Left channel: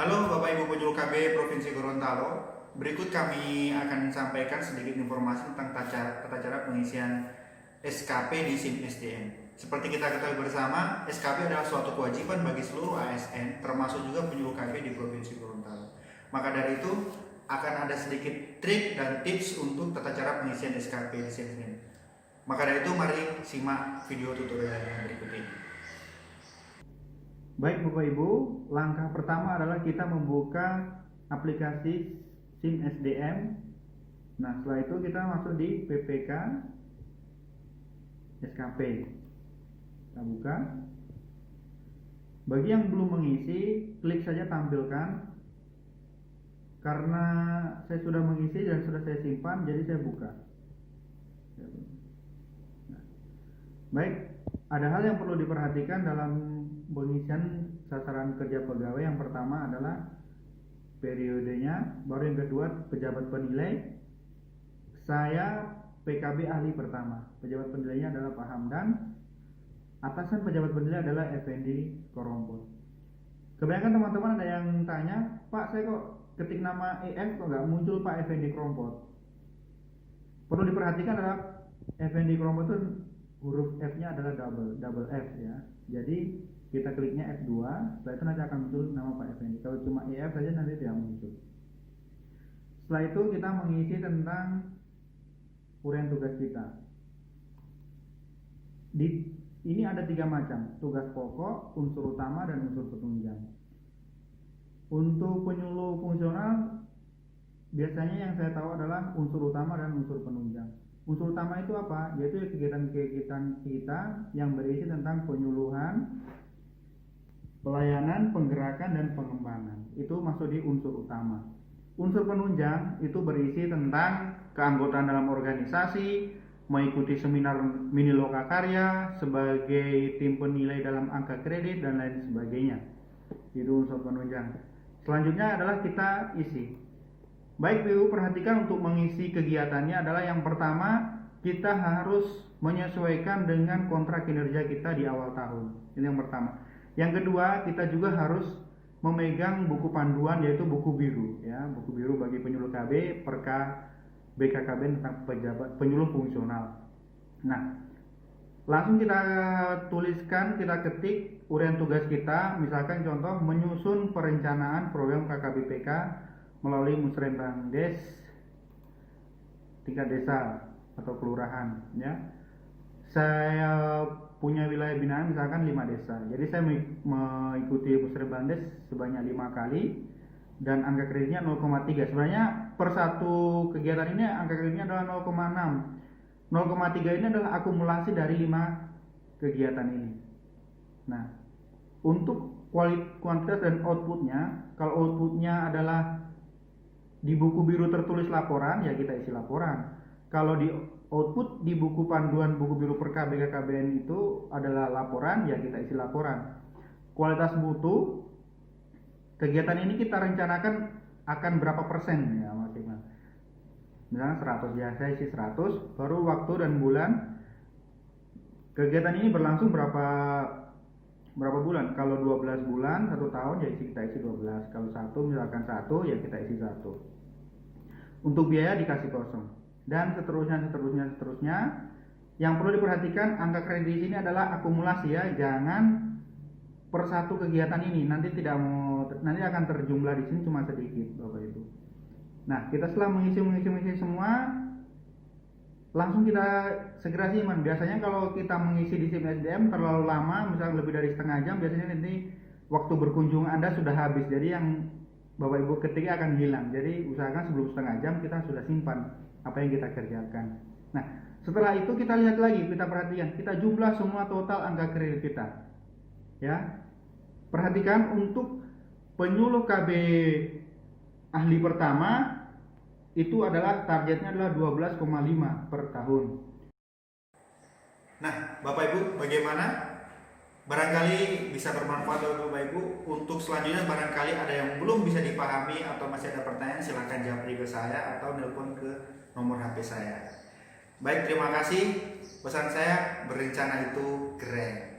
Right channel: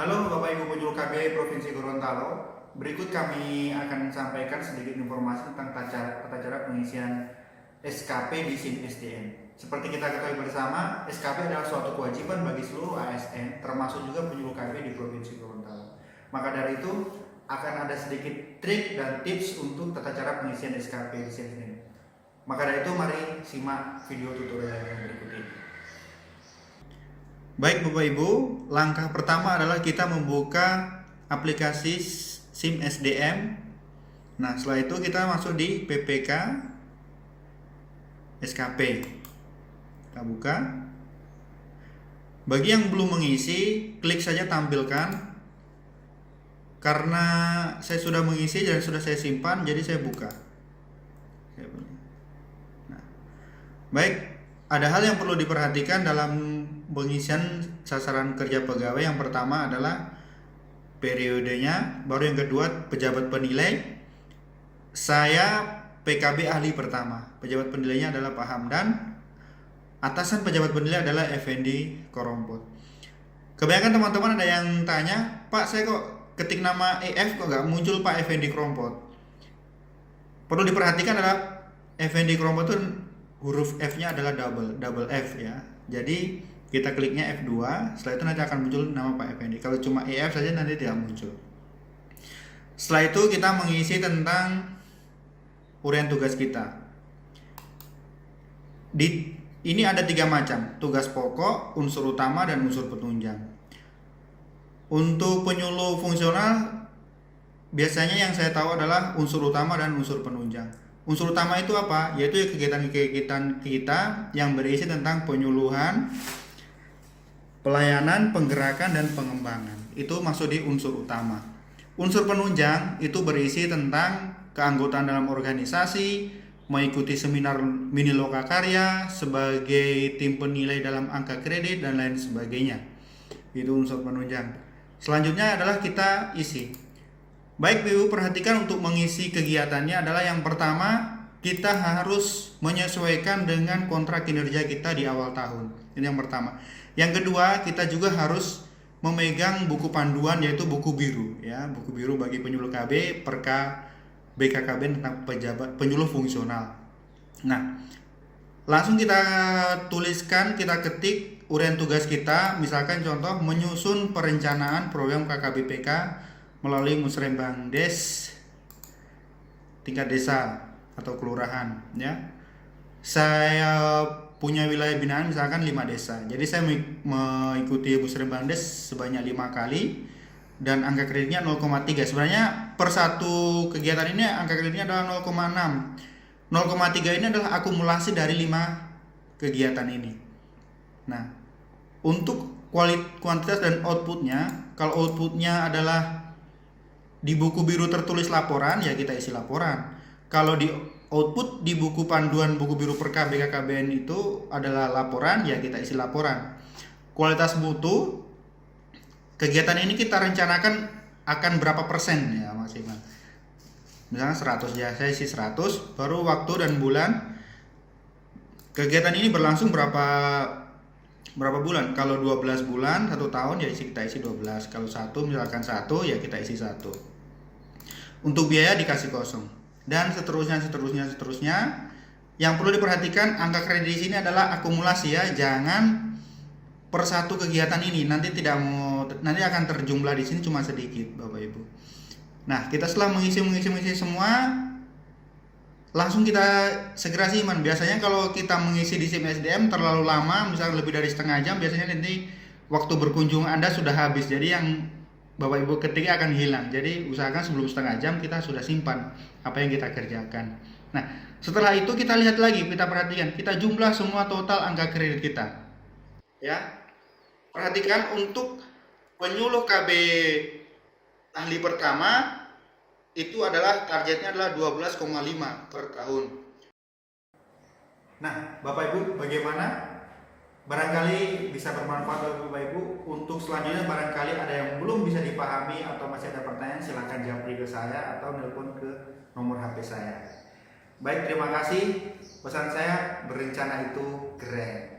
Halo Bapak Ibu Penjuru KB Provinsi Gorontalo. Berikut kami akan sampaikan sedikit informasi tentang tata cara pengisian SKP di SIM SDM. Seperti kita ketahui bersama, SKP adalah suatu kewajiban bagi seluruh ASN, termasuk juga penjuru KB di Provinsi Gorontalo. Maka dari itu, akan ada sedikit trik dan tips untuk tata cara pengisian SKP di SIM SDM. Maka dari itu, mari simak video tutorial yang berikut ini. Baik Bapak Ibu, langkah pertama adalah kita membuka aplikasi SIM SDM. Nah, setelah itu kita masuk di PPK SKP. Kita buka. Bagi yang belum mengisi, klik saja tampilkan. Karena saya sudah mengisi dan sudah saya simpan, jadi saya buka. Nah, baik, ada hal yang perlu diperhatikan dalam pengisian sasaran kerja pegawai. Yang pertama adalah periodenya, baru yang kedua pejabat penilai. Saya PKB ahli pertama, pejabat penilainya adalah Pak Hamdan, atasan pejabat penilai adalah Effendi Korompot. Kebanyakan teman-teman ada yang tanya, Pak, saya kok ketik nama EF kok nggak muncul Pak Effendi Korompot. Perlu diperhatikan adalah Effendi Korompot itu huruf F-nya adalah double F ya. Jadi kita kliknya F2, setelah itu nanti akan muncul nama Pak Effendi. Kalau cuma EF saja nanti tidak muncul. Setelah itu kita mengisi tentang uraian tugas kita. Ini ada 3 macam, tugas pokok, unsur utama, dan unsur penunjang. Untuk penyuluh fungsional, biasanya yang saya tahu adalah unsur utama dan unsur penunjang. Unsur utama itu apa? Yaitu kegiatan-kegiatan kita yang berisi tentang penyuluhan, pelayanan, penggerakan, dan pengembangan. Itu masuk di unsur utama. Unsur penunjang itu berisi tentang keanggotaan dalam organisasi, mengikuti seminar mini lokakarya, sebagai tim penilai dalam angka kredit, dan lain sebagainya. Itu unsur penunjang. Selanjutnya adalah kita isi. Baik Ibu, perhatikan untuk mengisi kegiatannya adalah yang pertama, kita harus menyesuaikan dengan kontrak kinerja kita di awal tahun. Ini yang pertama. Yang kedua, kita juga harus memegang buku panduan, yaitu buku biru ya, buku biru bagi penyuluh KB perka BKKBN tentang penyuluh fungsional. Nah, langsung kita tuliskan, kita ketik uraian tugas kita. Misalkan contoh, menyusun perencanaan program KKBPK melalui Musrembang Des tingkat desa atau kelurahan ya. Saya punya wilayah binaan misalkan 5 desa. Jadi saya mengikuti Musrembang Des sebanyak 5 kali dan angka kreditnya 0,3. Sebenarnya per satu kegiatan ini angka kreditnya adalah 0,6. 0,3 ini adalah akumulasi dari 5 kegiatan ini. Nah, untuk kuantitas dan outputnya, kalau outputnya adalah di buku biru tertulis laporan, ya kita isi laporan. Kalau di output di buku panduan buku biru perka BKKBN itu adalah laporan, ya kita isi laporan. Kualitas mutu, kegiatan ini kita rencanakan akan berapa persen ya maksimal. Misalnya 100 ya, saya isi 100, baru waktu dan bulan. Kegiatan ini berlangsung berapa bulan? Kalau 12 bulan, 1 tahun ya kita isi 12. Kalau misalkan 1 ya kita isi 1. Untuk biaya dikasih kosong. Dan seterusnya. Yang perlu diperhatikan, angka kredit di sini adalah akumulasi ya, jangan per satu kegiatan ini, nanti akan terjumlah di sini cuma sedikit Bapak Ibu. Nah, kita setelah mengisi semua, langsung kita segera simpan. Biasanya kalau kita mengisi di SIM SDM terlalu lama, misalnya lebih dari setengah jam, biasanya nanti waktu berkunjung Anda sudah habis. Jadi yang Bapak Ibu ketika akan hilang. Jadi usahakan sebelum setengah jam kita sudah simpan apa yang kita kerjakan. Nah, setelah itu kita lihat lagi, kita perhatikan, kita jumlah semua total angka kredit kita. Ya. Perhatikan untuk penyuluh KB ahli pertama itu adalah targetnya adalah 12,5 per tahun. Nah, Bapak Ibu, bagaimana? Barangkali bisa bermanfaat bagi Bapak Ibu. Untuk selanjutnya barangkali ada yang belum bisa dipahami atau masih ada pertanyaan, silahkan japri ke saya atau nelpon ke nomor HP saya. Baik, terima kasih. Pesan saya, berencana itu keren.